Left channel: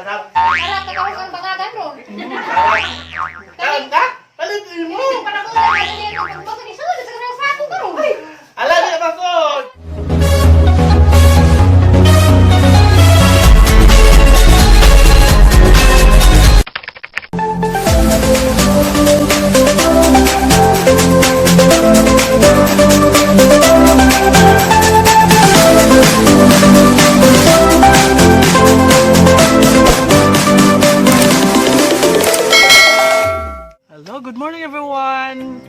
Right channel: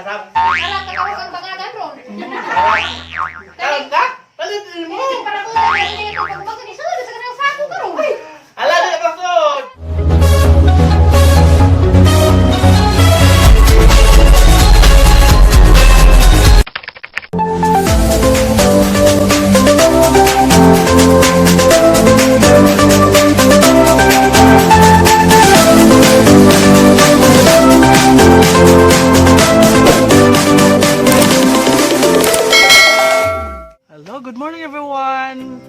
Sarap. Alam ka kung ang bangagan ron. Kalam ka? Palitin mo. Para ko na hindi ko pag ni sulod sa kanang sako ka ron. Ala na kasod. Hello, good morning everyone!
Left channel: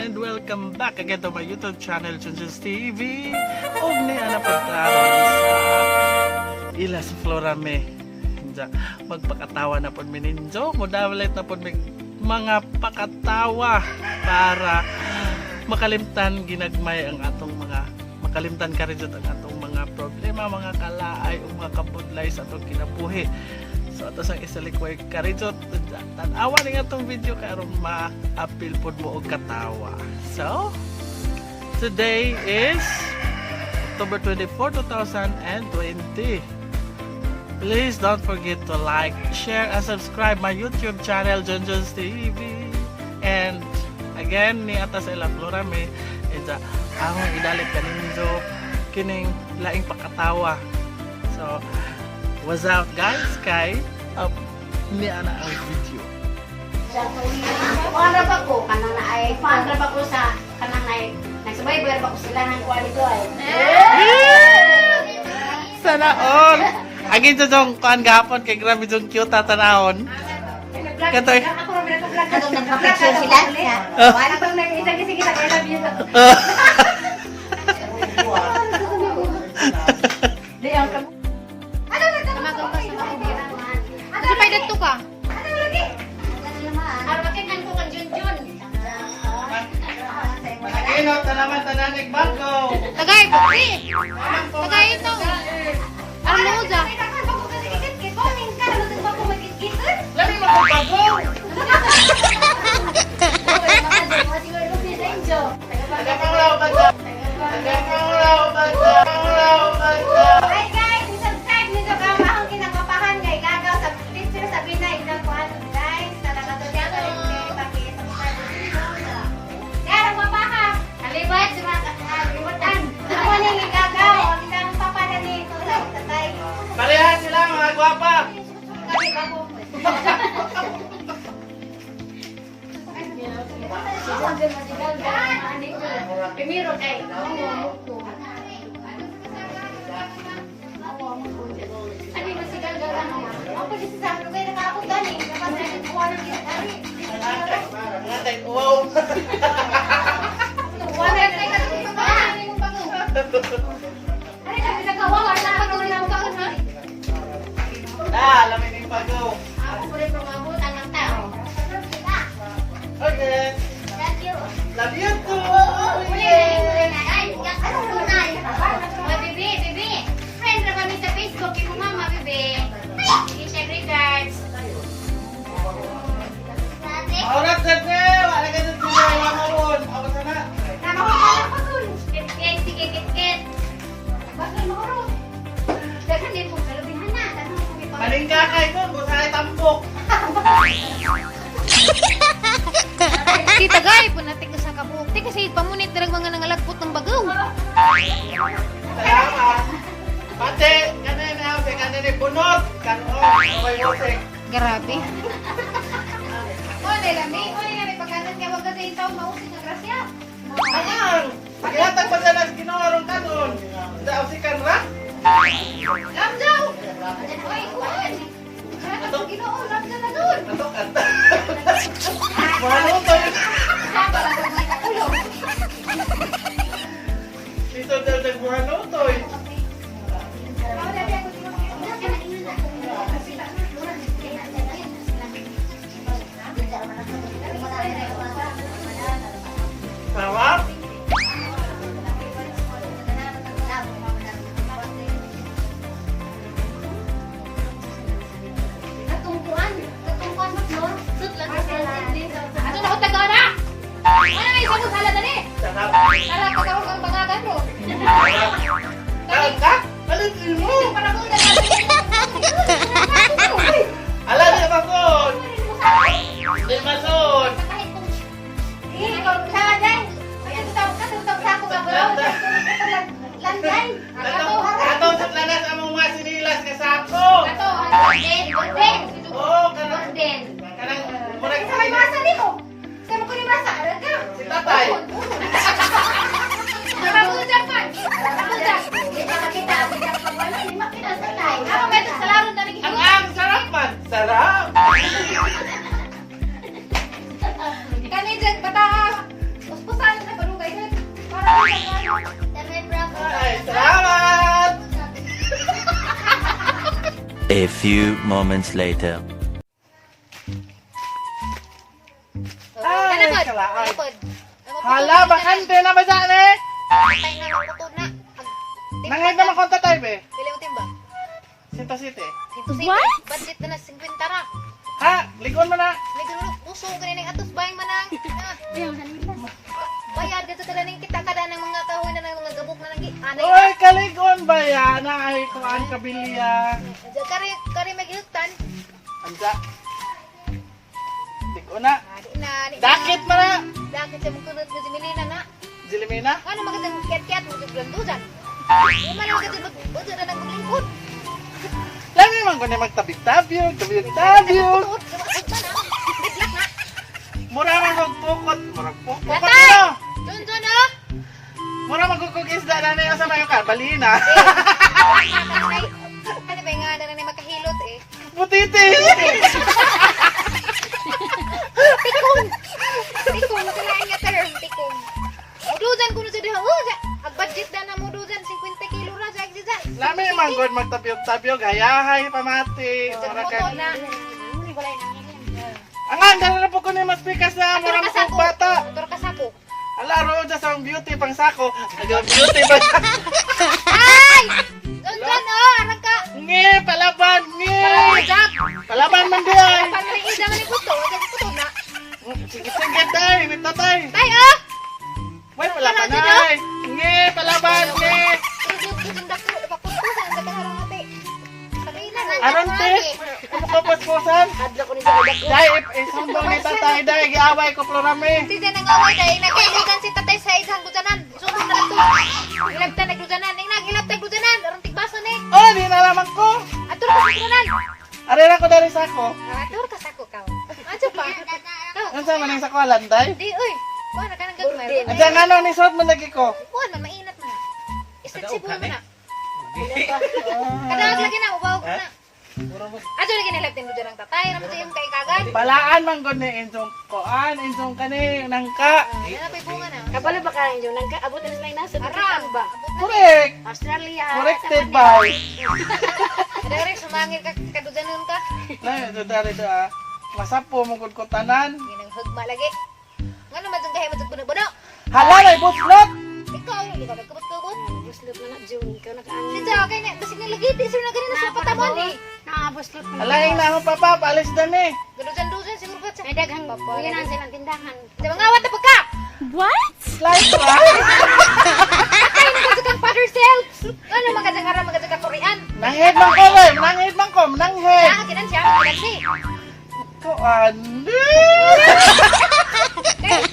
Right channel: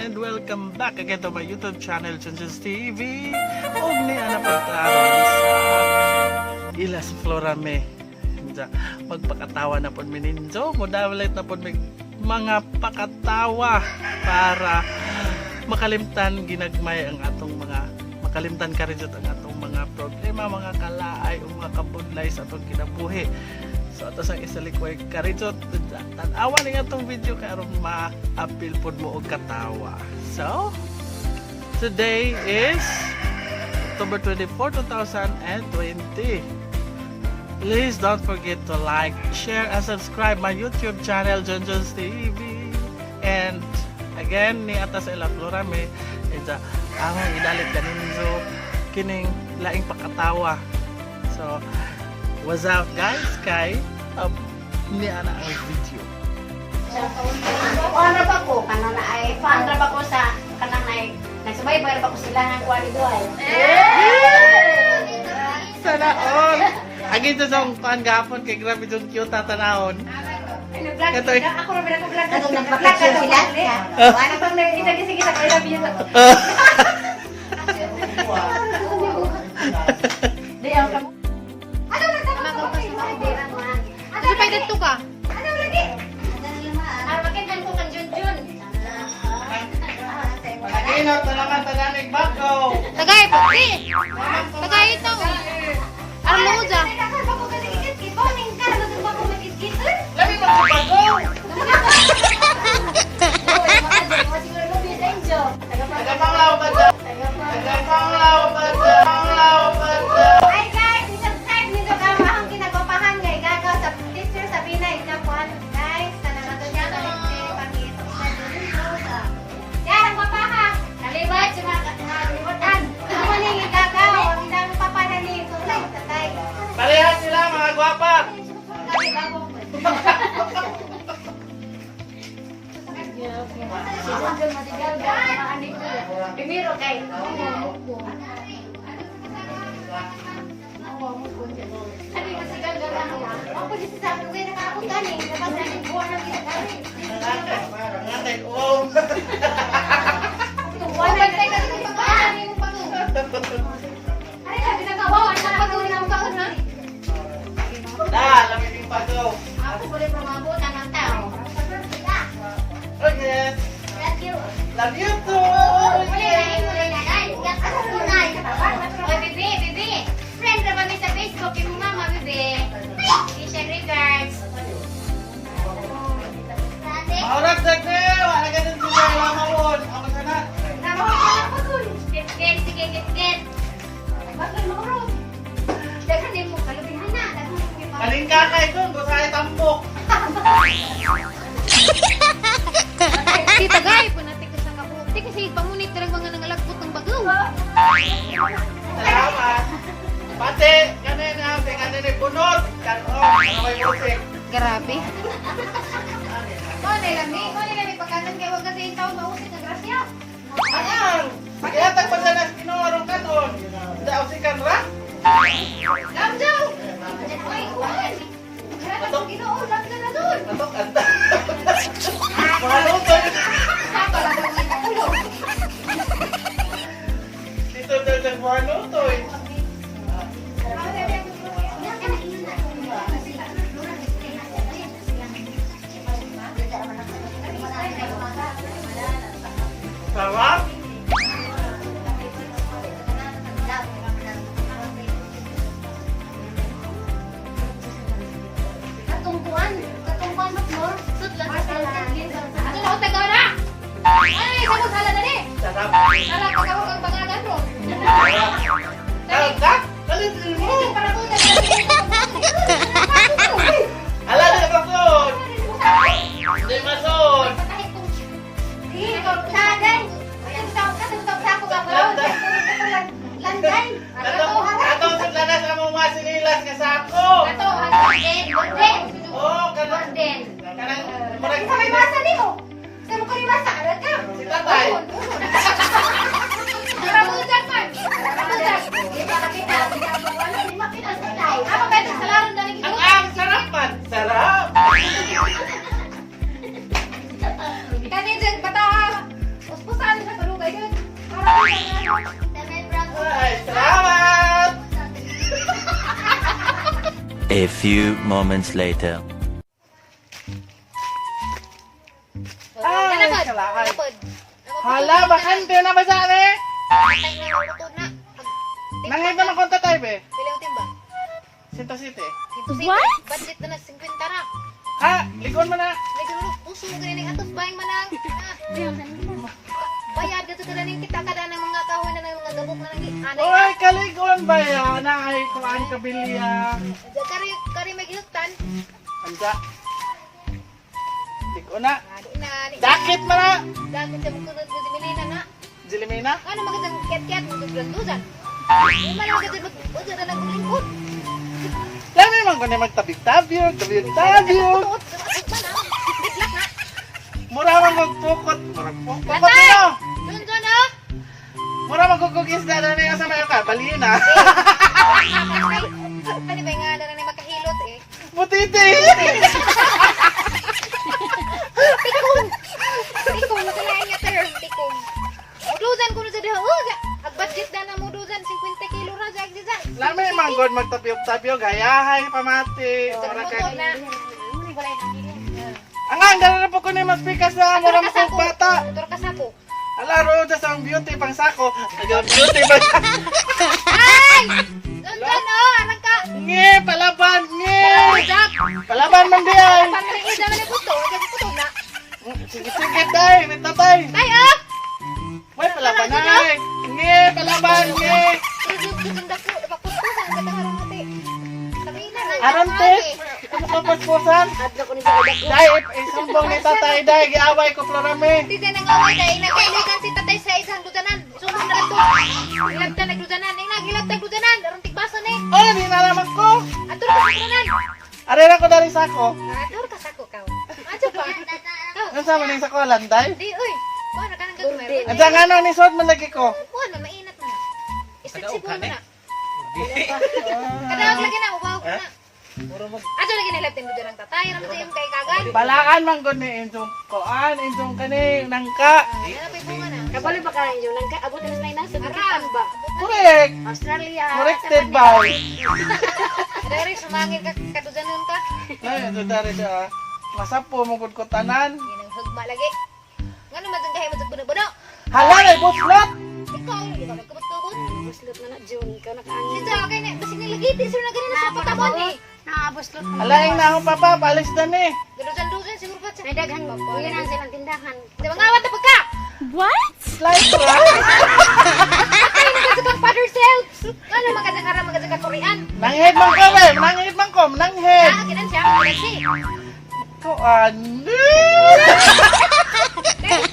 And welcome back again to my YouTube channel, Junjun's TV. Og ni ana pagkaron sa Ilas Florame. Magpakatawa na pod mininjo, modawalit na pod mig mga pakatawa para makalimtan ginagmay ang atong mga makalimtan ka rin ang atong mga problema, mga kalaay o mga kabudlay sa atong kinabuhi. So ato sang isalikway karijot tan-awa ning atong video karon ma-appeal pod mo og katawa. So today is October 24, 2020. Please don't forget to like, share and subscribe my YouTube channel Junjun's TV. And again ni ata sa Ilas Florame ang idalit kaninjo kining laing pakatawa. So what's up guys kay ni ana ang video. Ano ba ko kanang ay fan ra ba ko sa kanang ay nagsubaybay ra ba ko sila ng quality ay. Sana all. Agi sa jong kan gapon kay grabe jong cute tatanahon. Katoy ako ra ba ko vlog ka nag-vlog sila. Wala pang sige sa kay love you. Di ang kamo. Ano nagtamaw ka sa mga birang man. Ano pa dito ka? Ano lagi? Ano makinan ko kan Junjun. Maginot na naman tananig bago. Tagay po. Tagay ito. Armuza. Labi mo bago. Tagapanglaw ba dyan? Tagapanglaw ba dyan? Tagapanglaw ba dyan? Ay guys, i-subscribe nito ka mahang kinagpapahan kay Gagaw sa teacher sa Pinay na kuan guys. Sa nakatulya ka rin paki-subscribe nito. Kaya nagpapaha. Kalibat sa mga kalibatan. Ako ning Gagaw, ang papada ni Tulay Tatay. Parehas sila mga gwapa. Kami bago. Si Junjun madigal ba maani ko. Primero kay Ani masigal gala mo. Ang pwede sa akin kay nakapunta ni kapag buwan ng kinakari. Ngatay, wow. Buwan ng kinakari. Ano yung bago? Ano ka pinagawawan na patuloy na bago na? Lamin yung bago. Ako pwede pumabot ang tao. Okay. Thank you. Love you too. Bibi. Friend na kami sa Facebook. Yung mama, Bibi. I-check regards. Maurat sa te. Wala ka dun sila. Lamawon. Ako sana. Namahal ko dun. Kit-kit. Sige, kit-kit. Bakit mahurot? Dagan din mo. Kalubihan na. Dagan din mo. Kaling kakay dun. Busay tambok. Kita gay po natin ka sa kabuti kasi pangunit na mga nangalagpot ng bagaw. Salamat. Pati, kanina, kanina bunot. Kanon, may musik. Grabe. Mone lami pagkanan kay wag kasi itaw mausik ng grasya. Angang, pakihatag pa dyan ang kinorong kanon. Daw si Kanra? Lamjang! Oy! Atok Ginoo, lamjang na doon. Atok, anta. Mahalo to. Dito daw nagmahalo to eh. Sarap? Katungkuan mas no? Sutlan sa Ano na utag na? Ano na isang hala na ni? Sarap. Sarap pagkawag ang bangagan ro. Sarap ka? Palitin mo. Para ko na. Sarap! Kani dyan, bata! Puspusan sa palugay dyan. Para Ay, salamat! A few moments later. Ay, kalaay. Hala, bakante na ba dyan eh? Nangayad naman konta tayo be. Ilaw timba. Sinta City. What? Budget na na 50 ra. Ha, likon mo na. Lagi mo puso kini ning atos bayang manang. Bayad dito kada ning kita kada ng mga kahon na ng mga gabok na lagi. Uy, kaligon ba yan? Ay, kuhaan kabilya. Kari maglutan. Ansa? Ligo na. Na. Dakit mo na. Dakit sa mutulot mo Jimilina na. Jilimina. Ano magandang kiat-kiat mo duglan-dusan. Ano man magandang buto na ng bulbul. Lami man ko na magtabig-tabig, tabig-tabig. Mura man kong tukot. Mura kong tukot nyo. Doon ah. Mura man kong isda na niyo sa mayo ka. Balina. Kani ba nga na makahilot eh. Butiti. Tikong nakalain niya kayo, tikong. Udusan ko na sa diha. Ang budget na na mo udusan 50 kilo ra sa exercise. Lami man ko magtabig-tabig. Hayahay pamati. Mura kay... Angang, dala na po ko ni mas pikas na. Mura masang bata. Motor ka sako. Ala, roon sa beauty pang sako. Beauty ba? Ay! Doon anak ka. Nge, palaban, nge. Palaban man di ay. Panaligid naman ni puto. Kasi puto na. Sige, tay, may tatay. Tay ah! May palaban ay. Nge, palaban, nge. Isang dako. Ipakunto sa ang kataharang ate. Aron te, ano ko paspusan? Adlo ko ni Dako. Tay, isambong ni tatay, day, giaway ko florame. Hindi na nga kay nakailugan si tatay sa isang dudanan. Sumbong na lang to. Ilagta nagdudanan. Ilagta nagdudanan. Aron tigbasa ni. Oh, di nalaman ko. Atur ka sa dudanan. Aray na ko dari sako. Atur ka sako ka. Ato pa. Tao. Ano sa maning sako landay? Di oy. Kuha na ka ng gagmay. Ang sa nga na ni sort man lagi ko. Kuha na mainat na. Istriksibo mo na. Kadawag lagi na ubaw ko na. Ato lagi na laptin mo dyan ang tatay. Ramit kayo kay kagad. Balaan man gud ni injong koan, injong kani nangka. Yan na po nga na. Kabalo ba kayo yun? Nagkaabot na sila nasa Bukitan ba? Correct. Australia. Corrected by. Dari sumangi ka kadudanon ka. Ay, ito dari da. Masapo mo gud ko tanan. Yan ang hugma lagi. Ngano man dong kahe mo buno-buno. Halal ay buslot. Ikaw, hindi ka magkabot-kabot. Buslot na na June. Ikaw nakaano. Ikaw, kaya na, basta nilagiti sila na ganun na sa patamon eh. Nakabuslot na. Alaing na akong papa, paalis na ni. Dudusan-dusan, sumupat sa... May daghang buyanan silang tindahan. Di ba nga awat na pagka? Slice ra. Ay, magkakang father self. Ano, magkakang Korean. Nanghid man ko le, nanghid man ko, nanghid. Ah, ganun siya, ganun siya. Koan.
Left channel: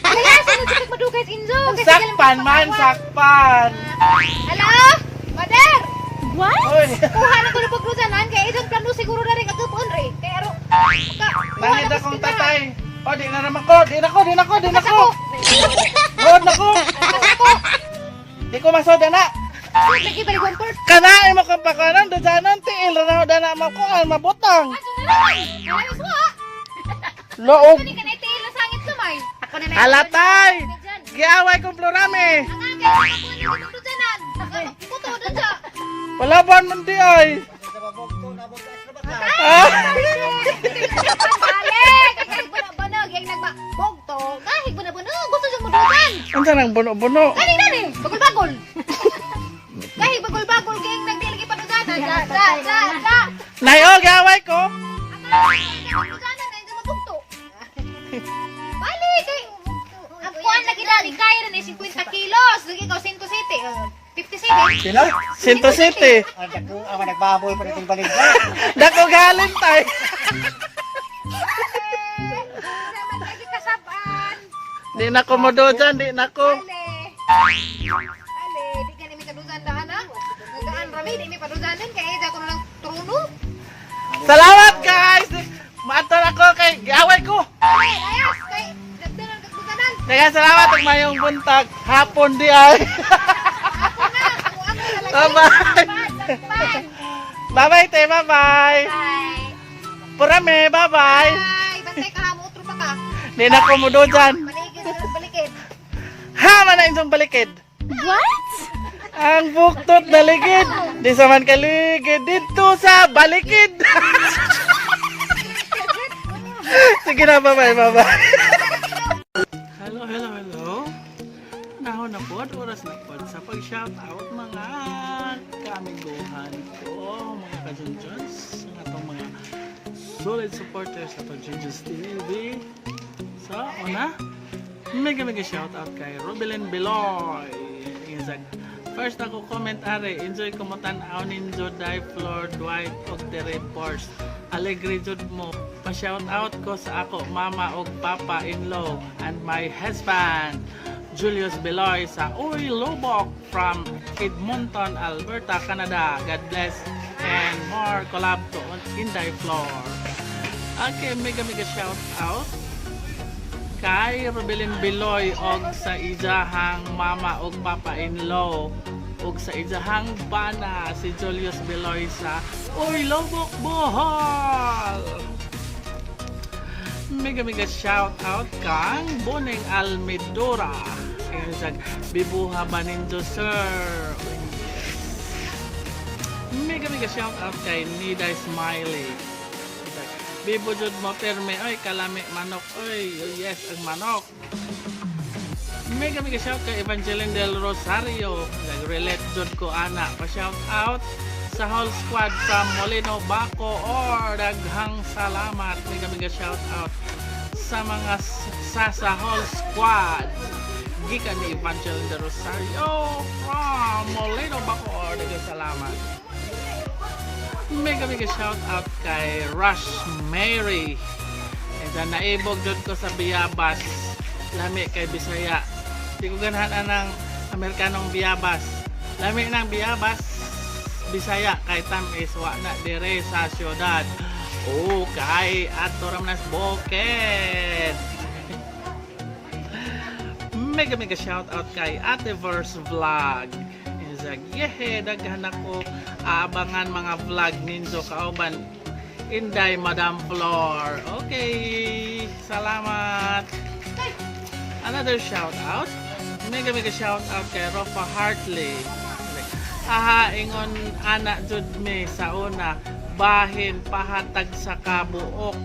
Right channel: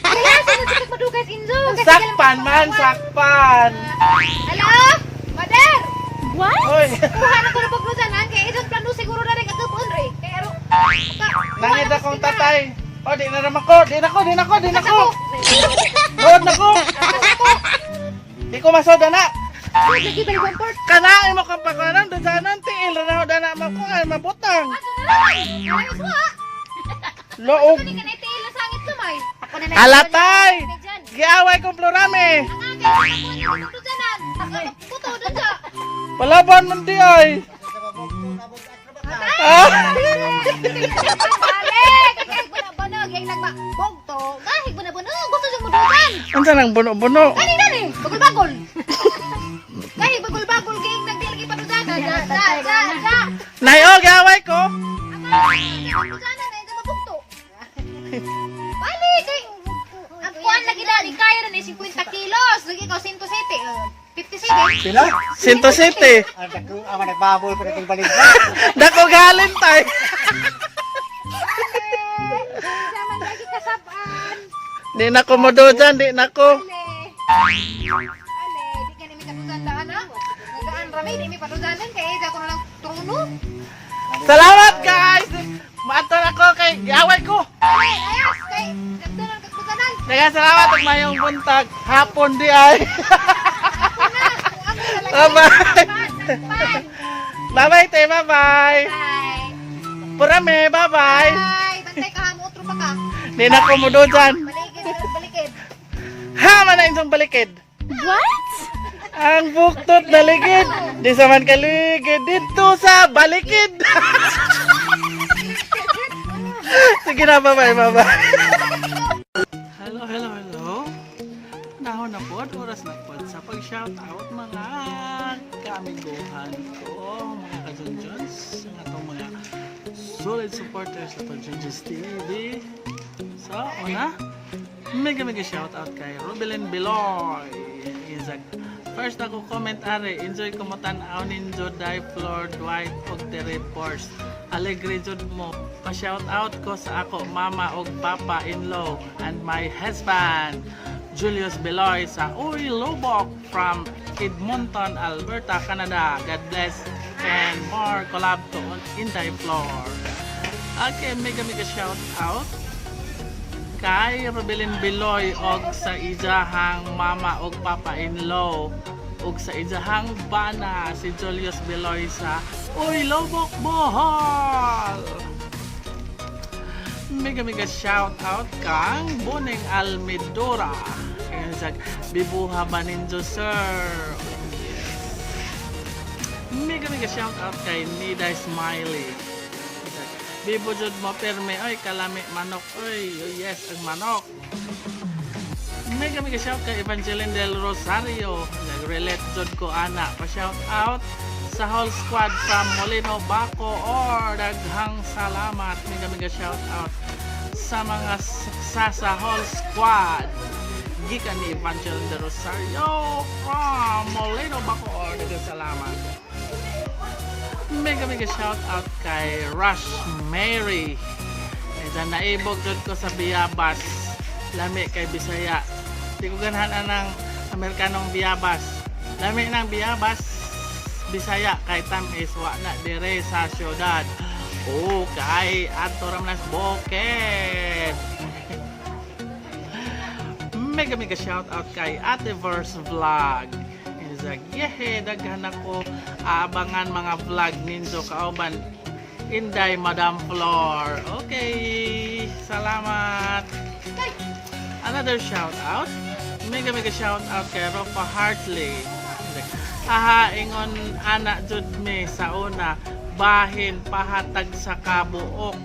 Kaya, saan ito madugay kinzo? Sakpan man, sakpan. Hello? Mother! Uy, Kuha na ko na paglusanan, kaya isang plano siguro na rin agapon rin. Kaya aro, nanghid akong tatay. Oh, di na naman ko, di na ko. Road na ko. Di ko masoda na. Lagi ba yung port? Kanain mo kang pakanan, doon tiil na na mo ko, ay mabutang. Ayos mo ha? Loog. Hindi ka na itiil na sangit kamay. Ako na lang. Alatay! Giaway kong florame. Ang ate, kuha na lusanan. Puto, doon siya. Palaban man di ay. Ah! Balik! Kahig bunog-bunog, yung nagbogto. Kahig bunog-bunog, gusto siyang mudugan. Ano sa nang buno-buno? Kanina ni, bagol-bagol. Kahig bagol-bagol, kaya yung nagdilagi pa nudanan. Sa. Nay, oh, giaway ko. Nudanan na, yung mabugto. Balik! Ang kuwan lagi dali, kaya rin eh, 50 kilos. Lagi ko, 107. 50 city. Sino? Sinto City. Ang nagbaboy pa rin balik na. Dako galing tay. Naman lagi kasabaan. Di na ko modojan, di na ko. Ale, di ka namin kadudandaan ha? Nagdaan rami, di mi padudanan, kaya hindi ako nalang truno. Salamat guys. Maatal ako kay giaway ko. Ay, ayos, kay ganda ng kagbuganan. Kaya salamat ug mayong buntag. Hapon di ay. Ako na, kung ano talaga. Bye-bye. Bye-bye, te. Bye-bye. Bye. Purame, bye-bye. Bye! Bantay ka, mutro pa ka. Di na ko mudo dyan. Balikid. Ha, mana insong balikid. What? Ang buktot na ligid. Di sa man kaligid. Dito sa balikid. Sige na, bye-bye, bye-bye. Hello, hello, hello. Nahon na po, oras na po sa pag-shoutout mga kaamiguhan ko, mga kajunjuns, ang atong mga solid supporters sa Pag-Junjuns TV. So, una, mega shoutout kay Rubilin Biloy. First ako comment are, enjoy ko mo tan-aw ninjo die floor Dwight og Tere Force. Alegre jud mo. Pa-shoutout ko sa ako mama og papa-in-law and my husband Julius Beloy sa Uy Lubok from Edmonton, Alberta, Canada. God bless and more collab to Inday Floor. Okay, mega shout out kay Robelin Beloy og sa ijahang mama og papa-in-law og sa ijahang bana si Julius Beloy sa Uy Lubok, Bohol. Mega shout out kang Boning Almidora. Ayun siya, bibuha ba ninyo sir? Mega shout out kay Nida Smiley. Bibo jud mo perme, oy kalami manok, oy yes ang manok. Mega shout kay Evangeline Del Rosario. Nag-relate jud ko ana. Pa-shout out sa whole squad from Molino, Baco or daghang salamat. Mega shout out sa mga sa whole squad gikan ni Evangeline de Rosario from Molino, Baco or daghang salamat. Mega shout out kay Rush Mary. Esa naibog jud ko sa Biyabas. Lami kay Bisaya. Di ko ganahan ng Amerikanong Biyabas. Lami ng Biyabas Bisaya kay tamis wa na dire sa syudad. Oh, kay adto ram nas Bukid. Mega shout out kay Ateverse Vlog. Inzag, yehe, daghan ako aabangan mga vlog ninyo kauban. Inday Madam Flor. Okay, salamat. Another shout out. Mega shout out kay Rofa Hartley. Aha, ingon anak jud mi sa una bahin pahatag sa kabuok.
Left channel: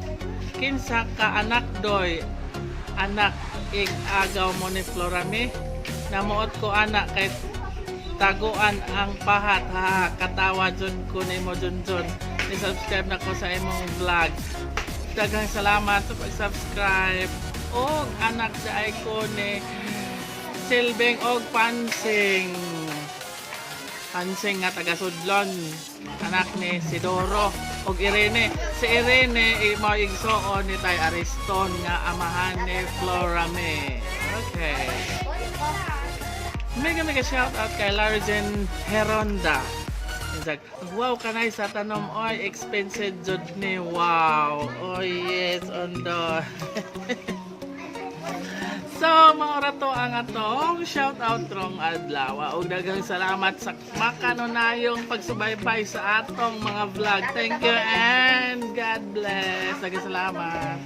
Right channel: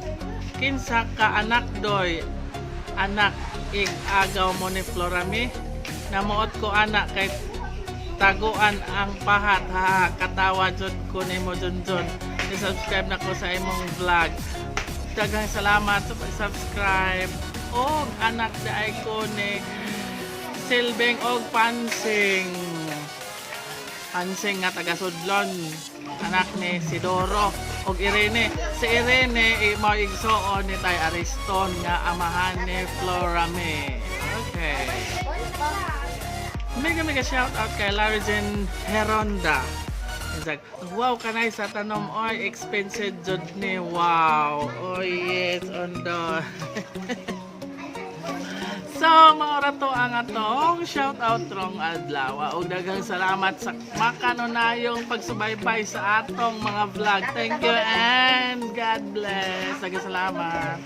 Kinsa ka anak doy? Anak ig agaw mo ni Florami. Namuot ko anak kay taguan ang pahat ha. Katawa jud ko nimo junjun. I-subscribe na ko sa imong vlog. Daghang salamat sa pag-subscribe. Og anak daay ko ni Silbing og Pansing. Pansing nga taga Sudlon. Anak ni Sidoro og Irene. Si Irene mo igsuon ni Tay Ariston nga amahan ni Florame. Okay. Mega shout out kay Largen Heronda. Wow, kanay sa tanom oy expensive jud ni. Wow. Oh yes, ondo. So, maura to ang atong shout out rong adlaw. Ug daghang salamat sa makanunayong pagsubaybay sa atong mga vlog. Thank you and God bless. Daghang salamat.